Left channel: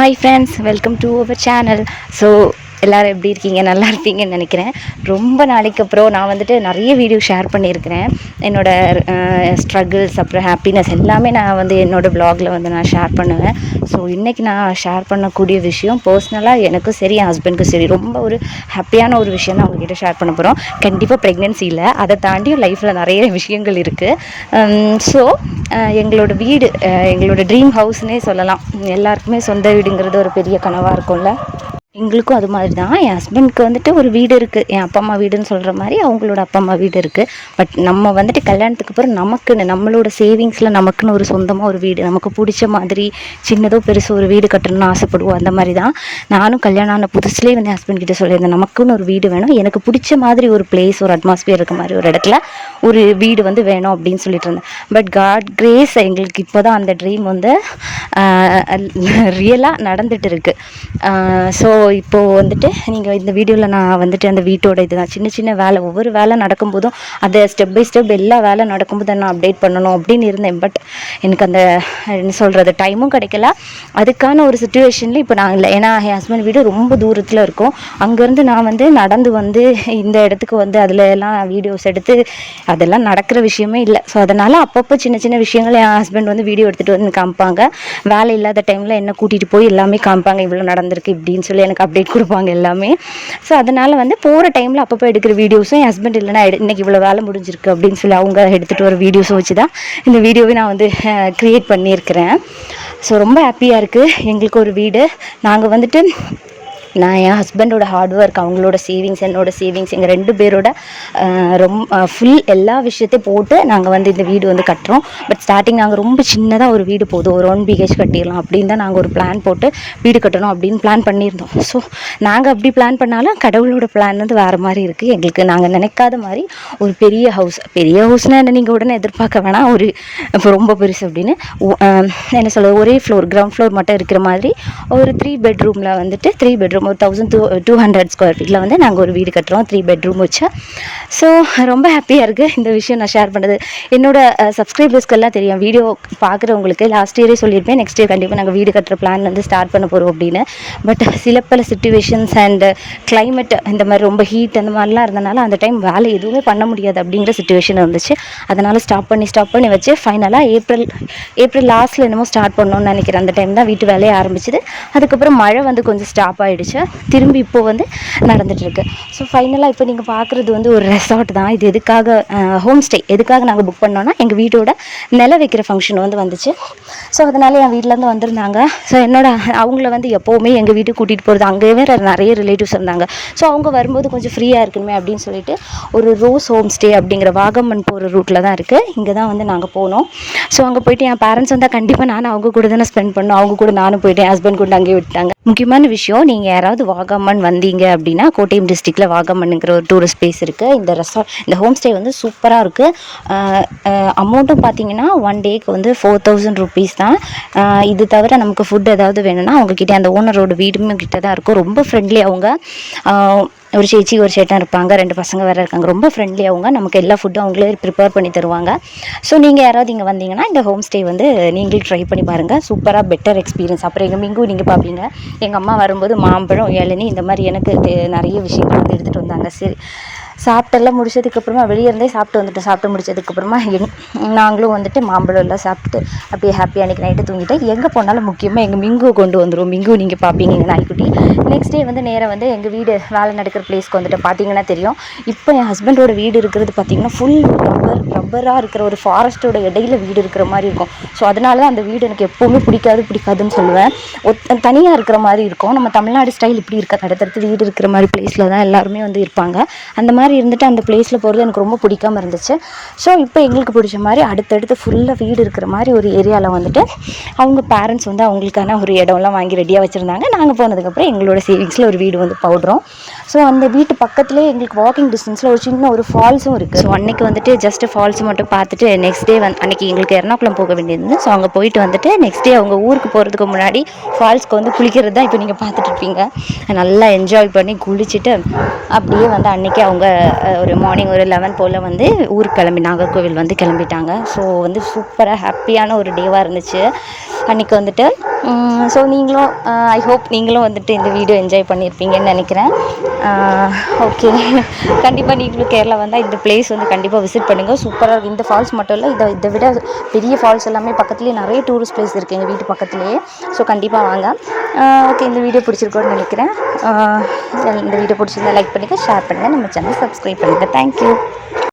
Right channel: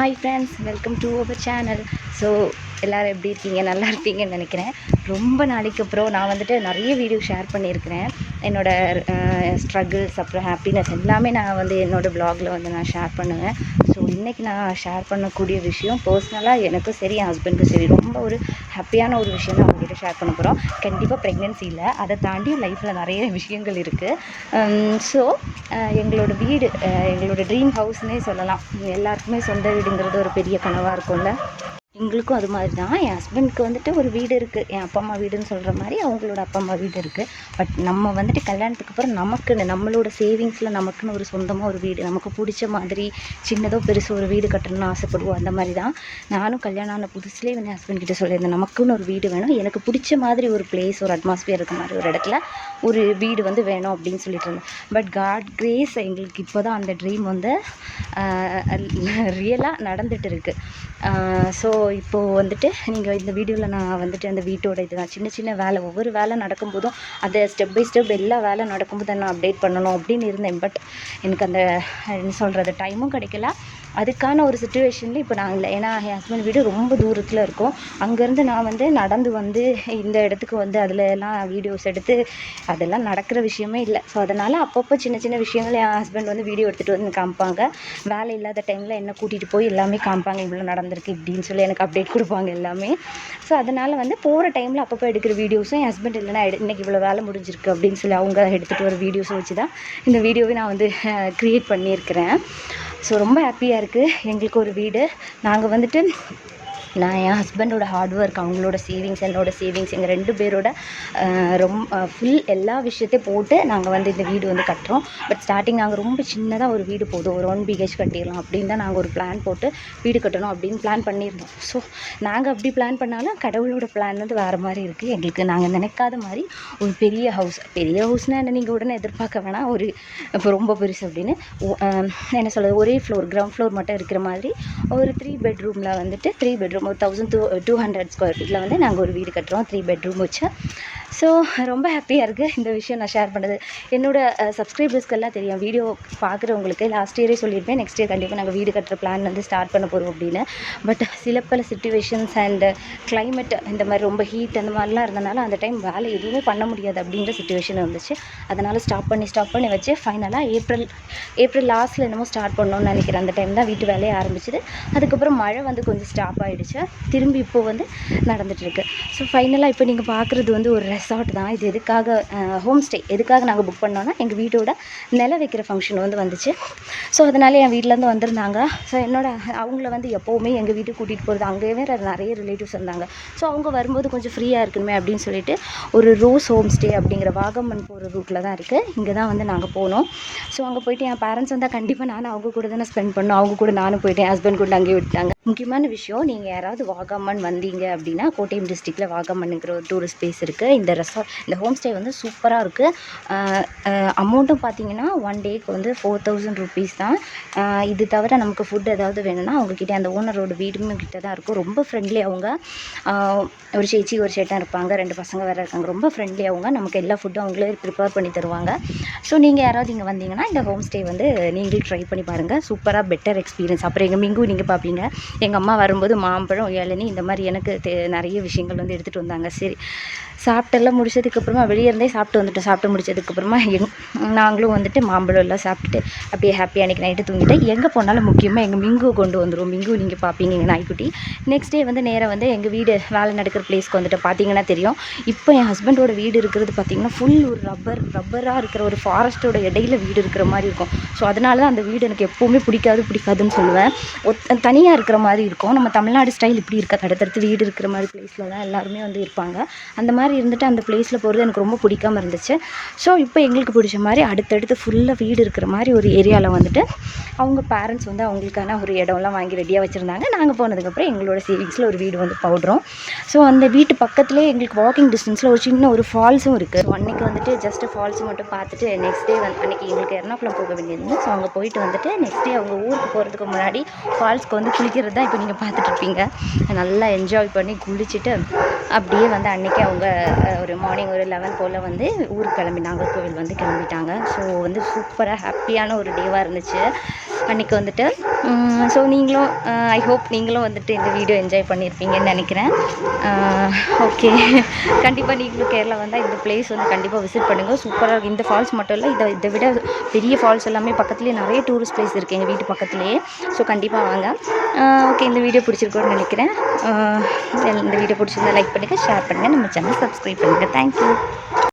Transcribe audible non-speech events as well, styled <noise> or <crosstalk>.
Hi friends welcome to our channel so எல்லோரும் எப்படி இருக்கீங்க? நல்லா இருப்பீங்கன்னு நினைக்கிறேன். ரொம்ப நாளைக்கு அப்புறம் நான் வந்துட்டு நிறைய வீடியோ ஷேர் பண்ணியிருக்கிறேன். என்னோடய ஸ்ட்ரகிள்ஸ் அப்புறம் ஹாப்பினஸ் எல்லாமே நான் வந்து என்னோடய ப்ளாகில் வந்து நான் ஷேர் பண்ணுவேன். ஸோ இன்றைக்கி நான் ஷேர் பண்ணக்கூடிய விஷயம் பர்சனலாக எனக்கும் சரி என் ஹஸ்பண்டுக்கும் சரி ரொம்ப ஒரு ஹாப்பியான ஒரு விஷயம் தான் உங்ககிட்ட ஷேர் பண்ண போகிறோம் கண்டிப்பாக ப்ரெக்னென்சி இல்லை. அதை தாண்டியும் லைஃப்பில் நிறைய விஷயங்கள் இருக்குது ஸோ எங்களோட வீடு எங்களோட ட்ரீம் ஹவுஸ்னே சொல்லலாம். எல்லாருக்குமே சொந்த வீடுங்கிறது ஒரு பெரிய கனவாக இருக்கும்ல? எங்களுக்கும் அது மாதிரி தான் என் ஹஸ்பண்ட்க்கு வந்துட்டு ஒரு வீடு இருக்குது என் அப்பா அம்மா வீடுன்னு சொல்கிற மாதிரி அவங்களோட அப்பா அம்மா வீடு இருக்குது பட் நம்ம வந்துட்டு கல்யாணத்துக்கு அப்புறம் நமக்குன்னு நம்மளோட சேவிங்ஸில் நமக்குன்னு ஒரு சொந்தமாக ஒரு வீடு நமக்கு பிடிச்ச மாதிரி சின்னதோ பெருசோ ஒரு வீடு கட்டணும்னு ஆசைப்படுவோம். அந்த மாதிரி தான் நானும் கல்யாணம் ஆன புதுசுலேயே வந்து ஹஸ்பண்ட் கிட்டே சொல்லியிருந்தேன் நமக்குன்னு ஒரு வீடு வேணும். எனக்கு பிடிச்ச மாதிரி ஒரு பிளேஸ் ஒரு அட்மாஸ்பியர் இருக்க மாதிரி ஒரு இடத்துல ஒரு வீடு வந்து வேணும் அப்படின்னு சொல்லிட்டு இருந்தேன். பட் காட் கிரேஸ் எங்களுக்கு இப்போ தான் அந்த ட்ரீம் வந்து ரியலாக நடந்துட்டு இருக்குது ஸோ இப்போது வந்துட்டு நீங்கள் இந்த வீடியோவில் நான் வந்துட்டு அந்த வீட்டோட இதுதான் சின்ன சின்ன வேலை ஒவ்வொரு வேலை நடக்கும்போதும் அதை ஸ்டெப் பை ஸ்டெப் எல்லா வேலை நடக்கும்போது நான் அப்டேட் பண்ணணும் அப்படின்னு இருந்தேன். பட் எனக்கு அந்த என்ன சொல்கிறது டைமும் கிடைக்கல. அதுக்கான ஒரு சுச்சுவேஷனில் இப்போ நான் இல்லை. ஏன்னா என் ஹஸ்பண்ட் வீடு ரொம்ப தூரத்தில் இருக்கும். அங்கேருந்து நான் வந்து நடந்து வந்து இந்த இடத்துக்கு வந்து அதில் எல்லாம் வீடியோஸ் எடுத்து அதெல்லாம் நடக்கிற விஷயமே இல்லை. ஸோ அதனால் அப்பப்போ சின்ன சின்ன விஷயங்கள் என் ஹஸ்பண்ட் வந்து வீடியோ எடுத்துகிட்டு வந்து காமிப்பாங்க. வேலை இல்லாத டைமில் என்ன கூட்டிகிட்டு போய் எல்லாமே காமிப்பாங்க. இவ்வளோ நடந்திருக்கு இப்படின்னு சொல்லி எனக்கு அப்டேட் கொடுப்பாங்க எல்லாமே. ஸோ அதனால் வந்து போகிற டைமில் அப்பப்போ எடுக்கிற வீடியோஸும் என் ஹஸ்பண்ட் இல்லைனா இன்றைக்கி இவ்வளோ வேலை முடிஞ்சிருக்கு அப்படின்னு சொல்லி அவங்க எடுத்துகிட்டு வர வீடியோஸும் வச்சு தான் இந்த வீடியோவை நான் வந்து க்ரியேட் பண்ணியிருக்கிறேன். ஸோ ரொம்ப ஹாப்பியாக இருக்குது எங்களுக்கு ஒரு வீடு. நாங்கள் வந்துட்டு நான் என் ஹஸ்பண்டோட ஹார்ட் ஒர்க் அவங்களோட சேவிங்ஸ் என்னோட சேவிங்ஸ் எங்கள் ரெண்டு பேரோட ரொம்ப ஃபுல் எல்லா விஷயத்தையும் போட்டு நாங்கள் வந்து இந்த வீடு வந்து கட்டுறோம். பட் ஸ்டார்டிங் நாங்கள் ரொம்ப சின்னதாக ஒரு வீடு போதும். ஒரு ஒன் பிஹெச் கட்டிடலாம் அப்படின்னு தான் நாங்கள் ஒரு பிளான் போட்டு வீடு கட்டணும் அப்படின்னு பிளான் பண்ணியிருந்தோம். ஸோ நாங்கள் அப்படி பிளான் பண்ணாலும் கடவுளோட பிளான் வந்து வேறு மாதிரி இருக்குது எங்களுக்கு நாங்கள் நினைக்காத மாதிரி ஒரு பெரிய ஹவுஸ் பெரிய ஹவுஸ்னால் என்ன நீங்கள் உடனே எதிர்பார்க்க வேணாம். ஒரு இப்போ ரொம்ப பெருசு அப்படின்னு. என்ன சொல்ல ஒரே ஃப்ளோர் கிரவுண்ட் ஃப்ளோர் மட்டும் இருக்கிற மாதிரி ஒரு த்ரீ பெட்ரூமில் வந்துட்டு த்ரீ பெட்ரூம் ஒரு thousand two two hundred square ஃபீட்டில் வந்து நாங்கள் ஒரு வீடு கட்டுறோம். த்ரீ பெட்ரூம் வச்சு. ஸோ ரொம்ப ஹாப்பியாக இருக்குது இந்த விஷயம் நான் ஷேர் பண்ணுறது என்னோட சப்ஸ்கிரைபர்ஸ்க்கெல்லாம் தெரியும். வீடியோ பார்க்குறவங்களுக்கு லாஸ்ட் இயரே சொல்லியிருப்பேன். நெக்ஸ்ட் இயர் கண்டிப்பாக நாங்கள் வீடு கட்டுற பிளான் வந்து ஸ்டார்ட் பண்ண போகிறோம் அப்படின்னு. பட் சில பல சுச்சுவேஷன்ஸ் அண்ட் கிளைமேட் இந்த மாதிரி ரொம்ப ஹீட் அந்த மாதிரிலாம் இருந்தனால அந்த டைம் வேலை எதுவுமே பண்ண முடியாது அப்படிங்கிற சுச்சுவேஷன் இருந்துச்சு. அதனால் ஸ்டாப் பண்ணி ஸ்டாப் பண்ணி வச்சு ஃபைனலாக ஏப்ரல் ஏப்ரல் லாஸ்ட்டில் என்னமோ ஸ்டார்ட் பண்ணோன்னு நினைக்கிறேன். அந்த டைம் தான் வீட்டு வேலையை ஆரம்பிச்சது. அதுக்கப்புறம் மழை வந்து கொஞ்சம் ஸ்டாப் ஆகிடுச்சு திரும்பி இப்போ வந்து நடந்துகிட்ருக்கு ஸோ ஃபைனலாக இப்போ நீங்கள் பார்க்குறது வந்து ஒரு ரெசார்ட் தான். இது எதுக்காக ஹோம் ஸ்டே எதுக்காக நாங்கள் புக் பண்ணோன்னா எங்கள் வீட்டோட நில வைக்கிற ஃபங்க்ஷன் வந்து வந்துச்சு. ஸோ அதனால் என் வீட்டிலேருந்து வந்திருந்தாங்க. ஸோ என்னோட அவங்கள வந்து எப்போவுமே எங்கள் வீட்டுக்கு கூட்டிகிட்டு போகிறது அங்கேயே வேறு நிறைய ரிலேட்டிவ்ஸ் இருந்தாங்க. ஸோ அவங்க வரும்போது கொஞ்சம் ஃப்ரீயாக இருக்கணுமே அப்படின்னு சொல்லிட்டு ஒரு ரோஸ் ஹோம் ஸ்டே அப்படிங்கிற வாகமன் போகிற ரூட்டில் தான் இருக்குது இங்கே தான் வந்து நாங்கள் போனோம். ஸோ அங்கே போயிட்டு என் பேரண்ட்ஸ் வந்தால் கண்டிப்பாக நானும் அவங்க கூட தானே ஸ்பெண்ட் பண்ணோம் அவங்க கூட நானும் போயிட்டு என் ஹஸ்பண்ட் கூட அங்கேயே விட்டாங்க முக்கியமான விஷயம் நீங்கள் யாராவது வாகமன் வந்தீங்க அப்படின்னா கோட்டயம் டிஸ்ட்ரிக்டில் வாகமன்ங்கிற ஒரு டூரிஸ்ட் பிளேஸ் இருக்குது இந்த ரெசார்ட் இந்த ஹோம் ஸ்டே வந்து சூப்பராக இருக்குது அமௌண்ட்டும் பார்த்தீங்கன்னா ஒன் டேக்கு வந்து ஃபோர் தௌசண்ட் ருபீஸ் தான். இது தவிர நமக்கு ஃபுட் ஏதாவது வேணும்னா அவங்கக்கிட்ட அந்த ஓனரோட வீடுமே கிட்ட தான் இருக்கும். ரொம்ப ஃப்ரெண்ட்லி அவங்க. ஒரு சேச்சி ஒரு சேட்டம் இருப்பாங்க. ரெண்டு பசங்க வேறு இருக்காங்க. ரொம்ப ஃப்ரெண்ட்லி அவங்க. நமக்கு எல்லா ஃபுட்டும் அவங்களே ப்ரிப்பேர் பண்ணி தருவாங்க. ஸோ நீங்கள் யாராவது இங்கே வந்தீங்கன்னா இந்த ஹோம் ஸ்டே வந்து நீங்களும் ட்ரை பண்ணி பாருங்கள் சூப்பராக பெட்டர் எக்ஸ்பீரியன்ஸ் அப்புறம் எங்கள் மிங்கு நீங்கள் பார்ப்பீங்க எங்கள் அம்மா வரும்போது மாம்பழம் இளநீ இந்த மாதிரி எனக்கு நிறைய விஷயங்கள் வந்து எடுத்துகிட்டு வந்தாங்க. சரி. சாப்பிட்டெல்லாம் முடிச்சதுக்கப்புறமா வெளியே இருந்தே சாப்பிட்டு வந்துட்டோம். சாப்பிட்டு முடிச்சதுக்கப்புறமா எங் நாங்களும் வந்துட்டு மாம்பழம் எல்லாம் சாப்பிட்டுட்டு அப்படியே ஹாப்பியாக அன்றைக்கி நைட்டு தூங்கிட்டேன் எங்கே போனாலும் முக்கியமாக எங்கள் மிங்கு கொண்டு வந்துடும் மிங்கு நீங்கள் பார்ப்பீங்க நாய்க்குட்டி. நெக்ஸ்ட் டே வந்து நேராக வந்து எங்கள் வீடு வேலை நடக்கிற பிளேஸ்க்கு வந்துட்டு பார்த்தீங்கன்னா தெரியும். இப்போ என் ஹஸ்பண்டோட வீடு இருக்கிறது பார்த்தீங்கன்னா ஃபுல் ரப்பர் ரப்பராக இருக்கிற ஒரு ஃபாரஸ்ட்டோட இடையில வீடு இருக்கிற மாதிரி இருக்கும். ஸோ அதனால தான் அந்த வீடு எனக்கு எப்போவுமே பிடிக்காது பிடிக்காதுன்னு சொல்லுவேன். ஒத் தனியாக இருக்கிற மாதிரி இருக்கும். நம்ம தமிழ்நாடு ஸ்டைல் இப்படி இருக்காது அடுத்தடுத்து வீடு இருக்கிற மாதிரி பிளேஸில் தான் எல்லாருமே வந்து இருப்பாங்க. அந்த மாதிரி இருந்துட்டு அந்த பிளேஸில் போகிறது எனக்கு ரொம்ப பிடிக்காம இருந்துச்சு. ஸோ இப்போ எங்களுக்கு பிடிச்ச மாதிரி அடுத்தடுத்து ஃபுல்லாக வீடு இருக்கிற மாதிரி ஒரு ஏரியாவில் வந்துட்டு அவங்க பேரண்ட்ஸ் வந்து அவங்களுக்கான ஒரு இடம்லாம் வாங்கி ரெடியாக வச்சுருந்தாங்க. நாங்கள் போனதுக்கப்புறம் எங்களோட சேவிங்ஸில் ஒரு வீடு வந்து பவுடுறோம். ஸோ அந்த வீட்டு பக்கத்துலேயே எங்களுக்கு வாக்கிங் டிஸ்டன்ஸில் ஒரு சின்ன ஒரு ஃபால்ஸும் இருக்குது ஸோ அன்னைக்கு வந்துட்டு ஜஸ்ட் ஃபால்ஸ் மட்டும் பார்த்துட்டு நெக்ஸ்ட் டே வந்து அன்றைக்கி எங்களுக்கு எர்ணாகுளம் போக வேண்டியது ஸோ அங்கே போயிட்டு வந்துட்டு நெக்ஸ்ட் டே அவங்க ஊருக்கு போகிறதுக்கு முன்னாடி ஃபால்ஸ்க்கு வந்து குளிக்கிறது தான் இப்போ நீங்கள் பார்த்துட்டு இருக்கீங்க. நல்லா என்ஜாய் பண்ணி குளிச்சுட்டு அப்படியே வந்து அன்றைக்கி அவங்க ஒரு மார்னிங் ஒரு லெவன் போல் வந்து ஊருக்கு கிளம்பி நாகர்கோவில் வந்து கிளம்பிட்டாங்க. ஸோ வந்து சூப்பராக ஹாப்பியான ஒரு டேவாக இருந்துச்சு. அன்றைக்கி வந்துட்டு. ஸோ நீங்களும் ஐ ஹோப் நீங்களும் வந்துட்டு இந்த வீடியோ என்ஜாய் பண்ணியிருப்பீங்கன்னு நினைக்கிறேன். ஓகே <laughs> கண்டிப்பாக நீங்களும் கேரளா வந்தால் இந்த பிளேஸ் வந்து கண்டிப்பாக விசிட் பண்ணுங்கள் சூப்பராக இருக்கும். இந்த ஃபால்ஸ் மட்டும் இல்லை இதை இதை விட பெரிய ஃபால்ஸ் எல்லாமே பக்கத்துலேயே நிறைய டூரிஸ்ட் பிளேஸ் இருக்குது எங்கள் வீட்டு பக்கத்துலேயே. ஸோ கண்டிப்பாக வாங்க. ஓகே இந்த வீடியோ பிடிச்சிருக்கோன்னு நினைக்கிறேன். இந்த வீடியோ பிடிச்சிருந்தா லைக் பண்ணுங்கள் ஷேர் பண்ணுங்கள் நம்ம சேனல் சப்ஸ்கிரைப் பண்ணுங்கள் தேங்க்யூ